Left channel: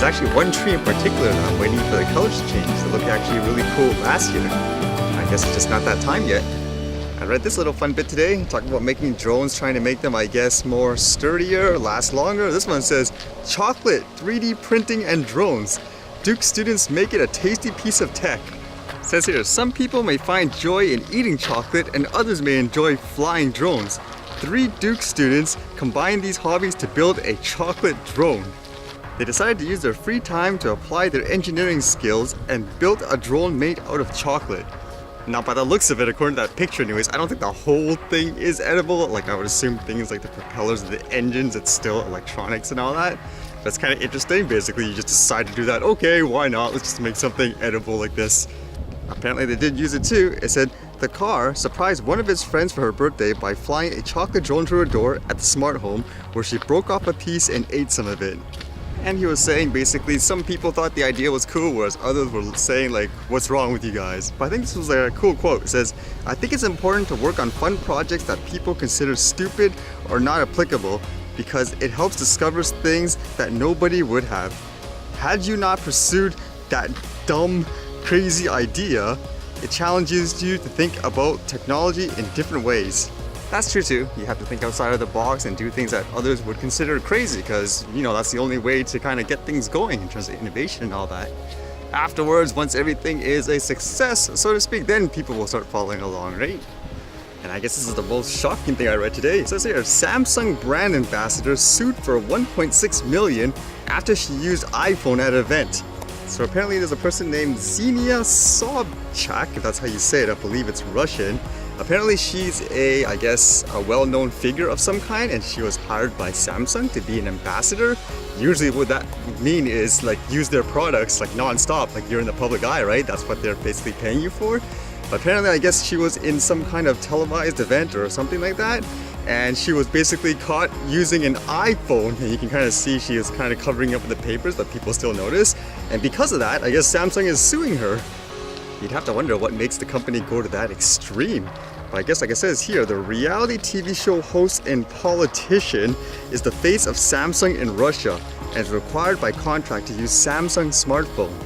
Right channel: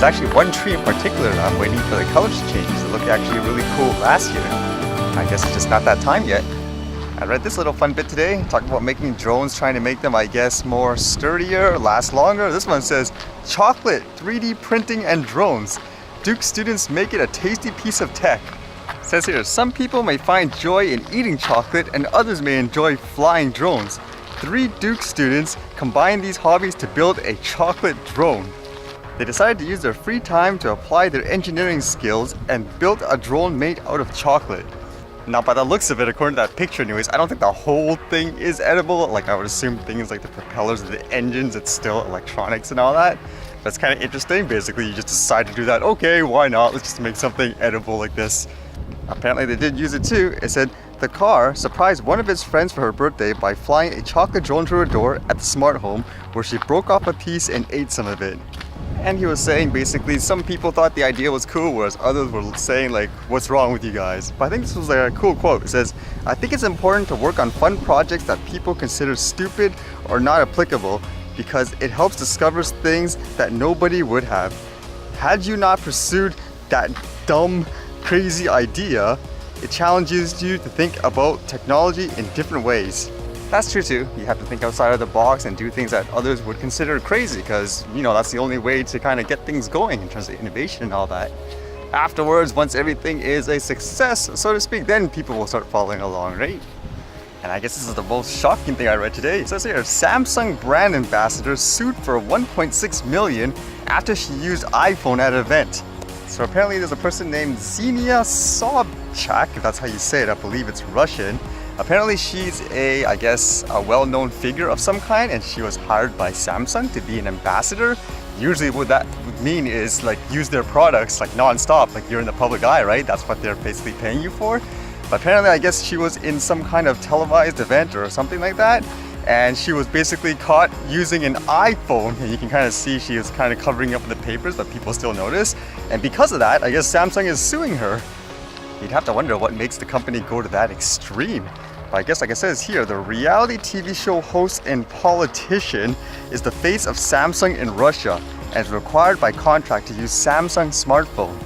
There's actually one tree in particular that I'm waiting for the colors to change. They looked actually really cool last year. I guess it's just not that time yet. I read this little fun bit today, talking about making drones, trying to make them, I guess, more sturdier, last longer. This one says, chocolate, 3D printing and drones. Duke students make it a tasty piece of tech. It says here, some people may find joy in eating chocolate and others may enjoy flying drones. 3 Duke students combined these hobbies to build a chocolate drone. They decided to use their free time to apply their engineering skills and built a drone made out of chocolate. Now, by the looks of it, according to that picture anyways, I don't think the whole thing is edible. Like, I would assume things like the propellers, the engines, it's still electronics and all that. That's kind of interesting. Basically, you just decide to do that. Okay, why not? Let's just make something edible like this. Apparently, they did use it too. It said, the car surprised one of his friends for her birthday by flying a chocolate drone to her door at the smart home, where she broke off a piece and ate some of it. And he was saying basically some people thought the idea was cool, whereas others were saying like, what's wrong with you guys? But I think this was like a cool quote. It says, I think it's important to work on fun projects that people consider stupid or not applicable because it helps discover things that nobody would have. Had you not pursued that dumb, crazy idea, it challenges you to think about technology in different ways. That's true too. You have to think outside of the box and do things that others would consider crazy because, you know, that's the only way to kind of get things going in terms of innovation and all that. Afterwards, once everything is a success, so to speak, then people will start following along, right? And I guess this is the most shocking thing I read today. It says here, Samsung brand ambassador sued for 1.6 million after she used iPhone at an event. So apparently there's a person named Xenia Sobchak, if that's how you say it, I believe it's Russian. Apparently she's I guess, a well-known figure of some kind, and she was hired by Samsung to be an ambassador. Usually what that would mean is like use their products like non-stop, like you're in the public eye, right? That's what they're basically paying you for. But apparently I guess she was in some kind of televised event or something like that, and she was basically caught using an iPhone, and you can kind of see she was kind of covering up the papers, but people still notice. And because of that, I guess Samsung is suing her. You'd have to wonder what makes the company go to that extreme. But I guess like it says here, the reality TV show host and politician is the face of Samsung in Russia and is required by contract to use Samsung smartphone.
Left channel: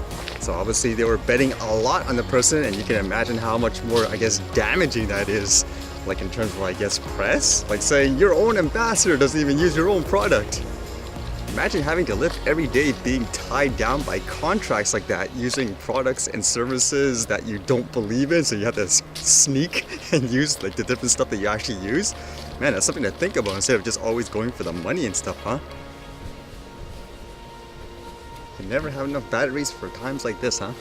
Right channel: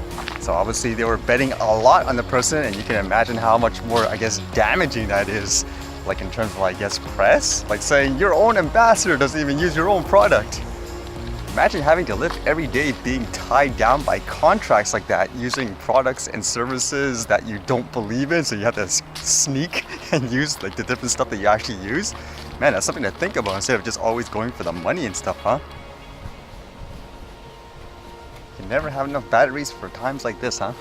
So obviously they were betting a lot on the person, and you can imagine how much more, I guess, damaging that is. Like in terms of, I guess, press? Like saying your own ambassador doesn't even use your own product. Imagine having to live every day being tied down by contracts like that, using products and services that you don't believe in, so you have to sneak and use like the different stuff that you actually use. Man, that's something to think about instead of just always going for the money and stuff, huh? You never have enough batteries for times like this, huh?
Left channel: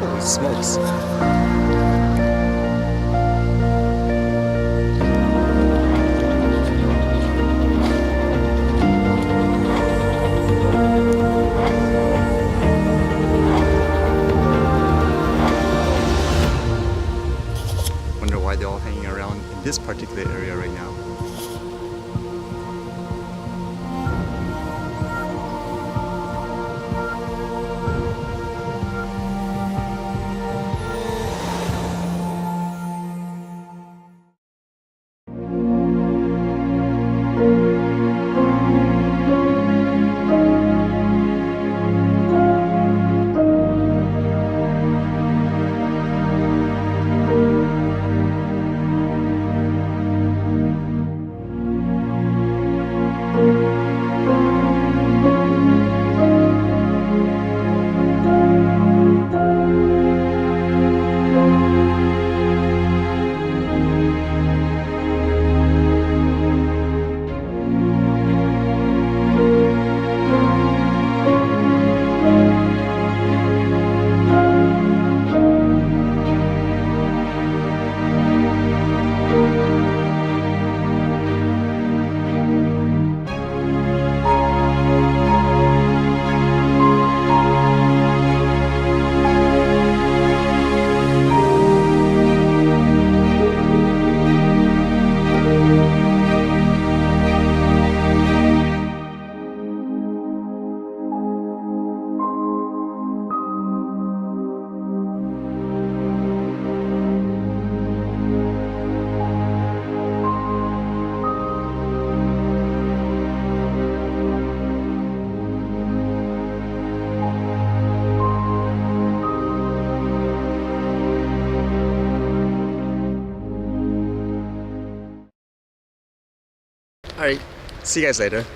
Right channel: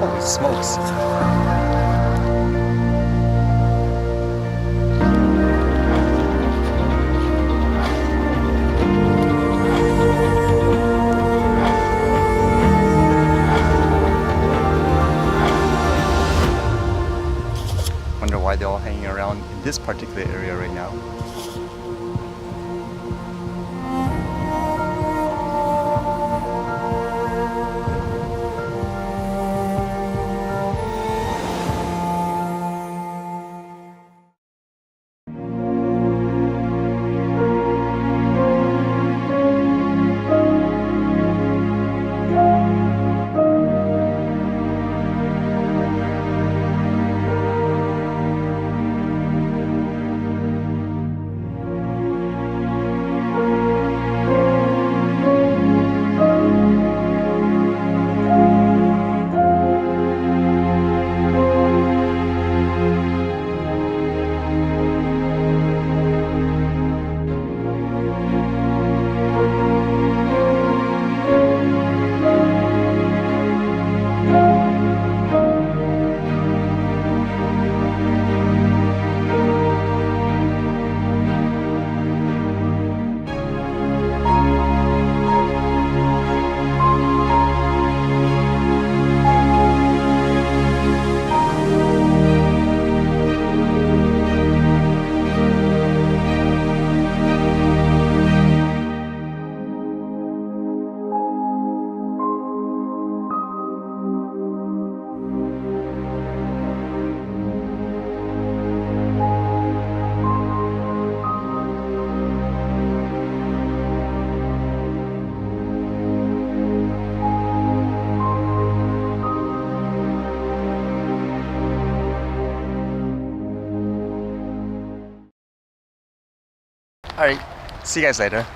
Holy smokes. Wonder why they're all hanging around in this particular area right now. All right, see you guys later.